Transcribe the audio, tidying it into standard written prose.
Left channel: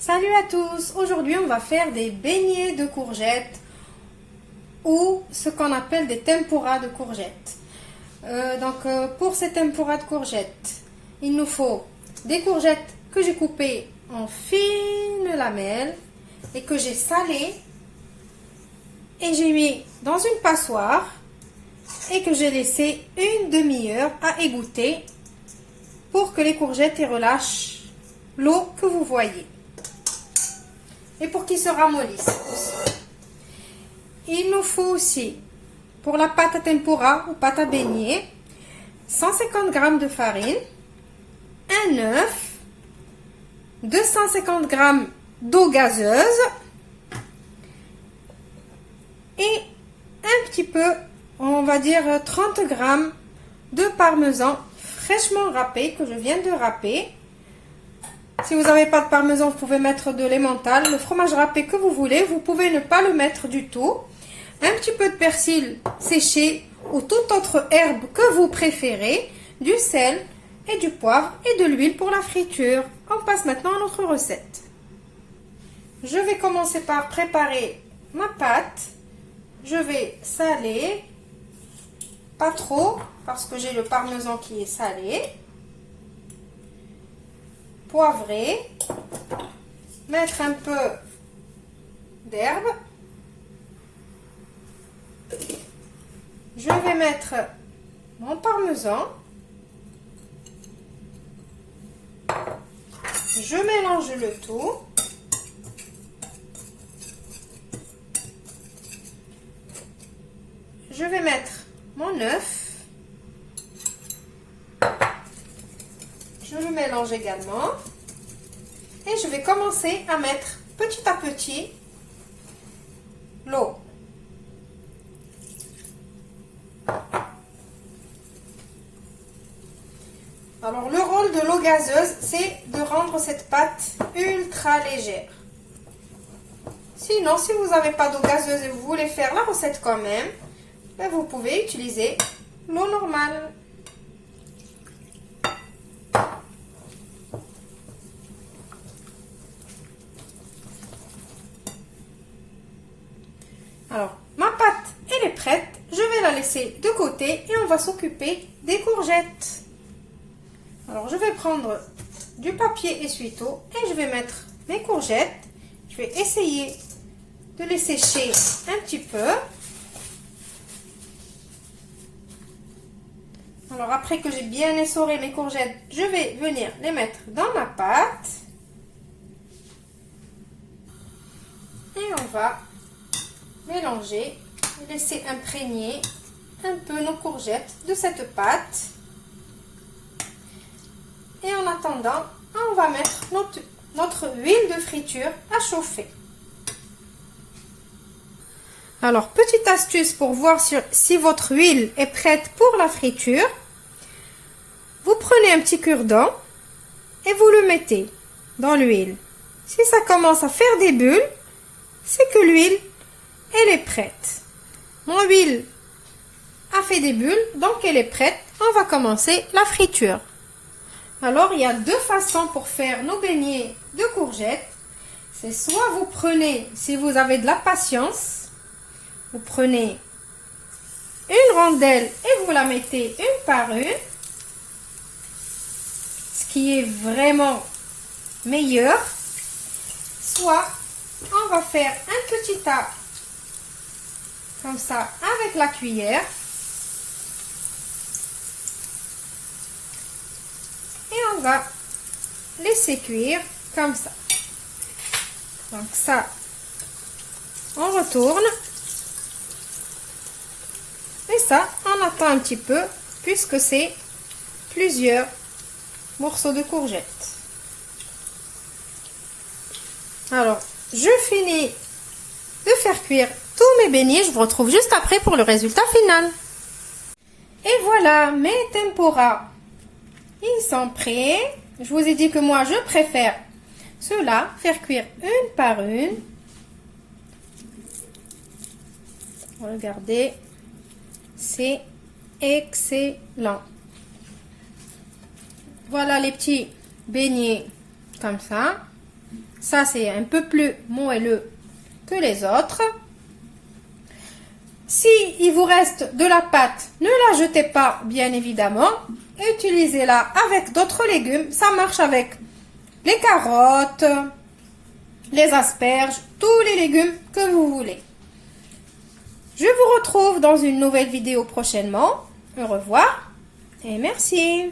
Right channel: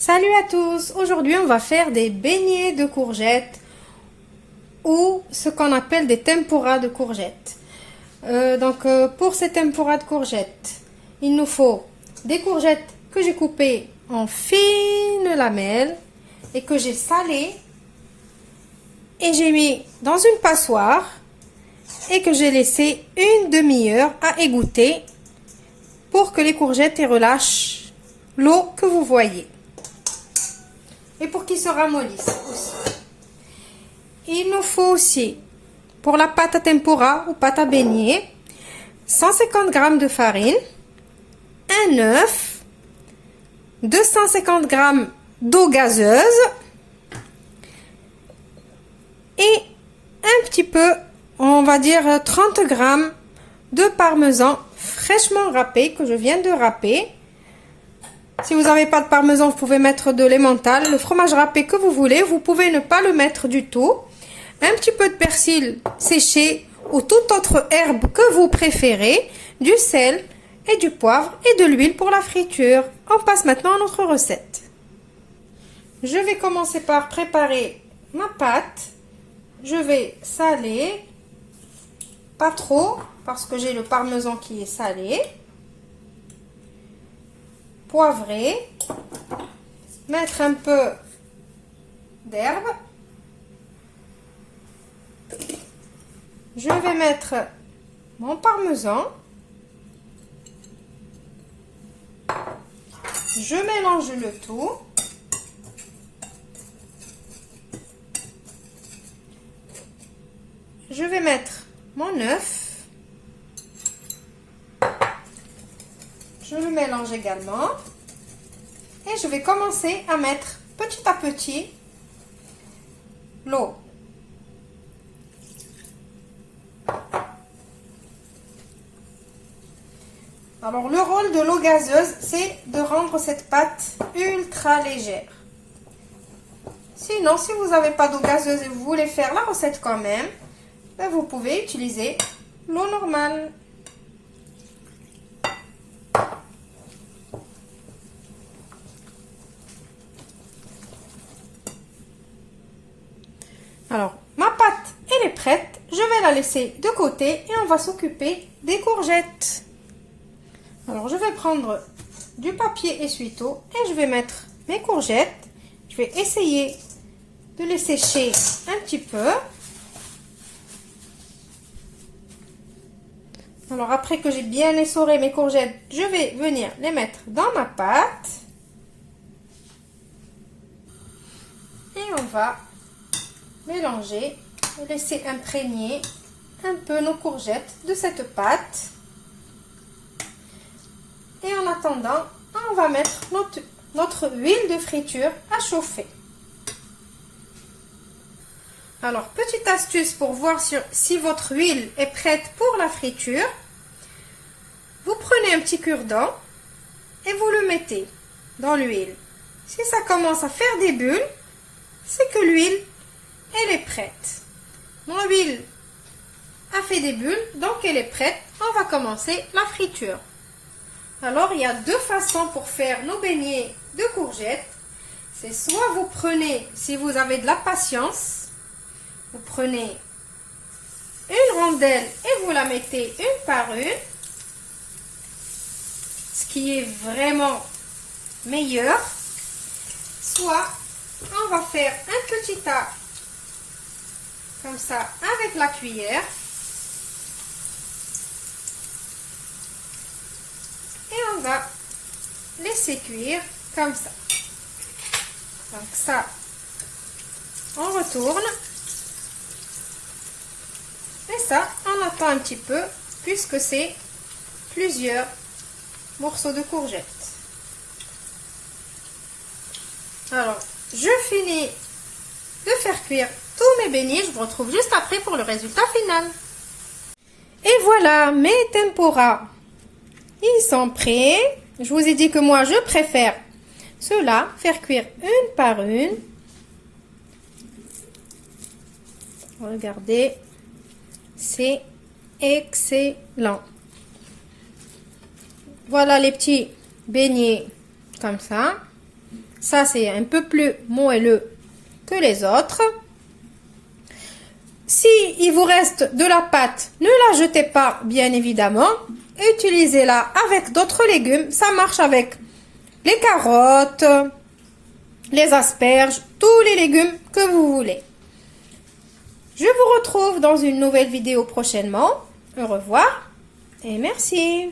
Salut à tous! Aujourd'hui, on va faire des beignets de courgettes ou ce qu'on appelle des tempura de courgettes. Pour ces tempura de courgettes, il nous faut des courgettes que j'ai coupées en fines lamelles et que j'ai salées et j'ai mis dans une passoire et que j'ai laissé une demi-heure à égoutter pour que les courgettes y relâchent l'eau que vous voyez. Et pour qu'ils se ramollissent aussi. Il nous faut aussi, pour la pâte à tempura ou pâte à beignet, 150 g de farine, un œuf, 250 g d'eau gazeuse et un petit peu, on va dire 30 g de parmesan fraîchement râpé que je viens de râper. Si vous n'avez pas de parmesan, vous pouvez mettre de l'emmental, le fromage râpé que vous voulez. Vous pouvez ne pas le mettre du tout. Un petit peu de persil séché ou toute autre herbe que vous préférez, du sel et du poivre et de l'huile pour la friture. On passe maintenant à notre recette. Je vais commencer par préparer ma pâte. Je vais saler, pas trop parce que j'ai le parmesan qui est salé. Poivrer, mettre un peu d'herbe. Je vais mettre mon parmesan. Je mélange le tout. Je vais mettre mon œuf. Je le mélange également et je vais commencer à mettre petit à petit l'eau. Alors le rôle de l'eau gazeuse, c'est de rendre cette pâte ultra légère. Sinon, si vous n'avez pas d'eau gazeuse et vous voulez faire la recette quand même, ben vous pouvez utiliser l'eau normale. Alors, ma pâte, elle est prête. Je vais la laisser de côté et on va s'occuper des courgettes. Alors, je vais prendre du papier essuie-tout et je vais mettre mes courgettes. Je vais essayer de les sécher un petit peu. Alors, après que j'ai bien essoré mes courgettes, je vais venir les mettre dans ma pâte. Et on va mélanger et laisser imprégner un peu nos courgettes de cette pâte. Et en attendant, on va mettre notre huile de friture à chauffer. Alors, petite astuce pour voir si votre huile est prête pour la friture. Vous prenez un petit cure-dent et vous le mettez dans l'huile. Si ça commence à faire des bulles, c'est que l'huile elle est prête. Mon huile a fait des bulles, donc elle est prête. On va commencer la friture. Alors, il y a deux façons pour faire nos beignets de courgettes. C'est soit vous prenez, si vous avez de la patience, vous prenez une rondelle et vous la mettez une par une. Ce qui est vraiment meilleur. Soit on va faire un petit tas comme ça avec la cuillère et on va laisser cuire comme ça. Donc ça, on retourne et ça, on attend un petit peu puisque c'est plusieurs morceaux de courgettes. Alors, je finis de faire cuire tous mes beignets, je vous retrouve juste après pour le résultat final. Et voilà, mes tempura, ils sont prêts. Je vous ai dit que moi, je préfère cela, faire cuire une par une. Regardez, c'est excellent. Voilà les petits beignets comme ça. Ça, c'est un peu plus moelleux que les autres. Si il vous reste de la pâte, ne la jetez pas, bien évidemment. Utilisez-la avec d'autres légumes. Ça marche avec les carottes, les asperges, tous les légumes que vous voulez. Je vous retrouve dans une nouvelle vidéo prochainement. Au revoir et merci.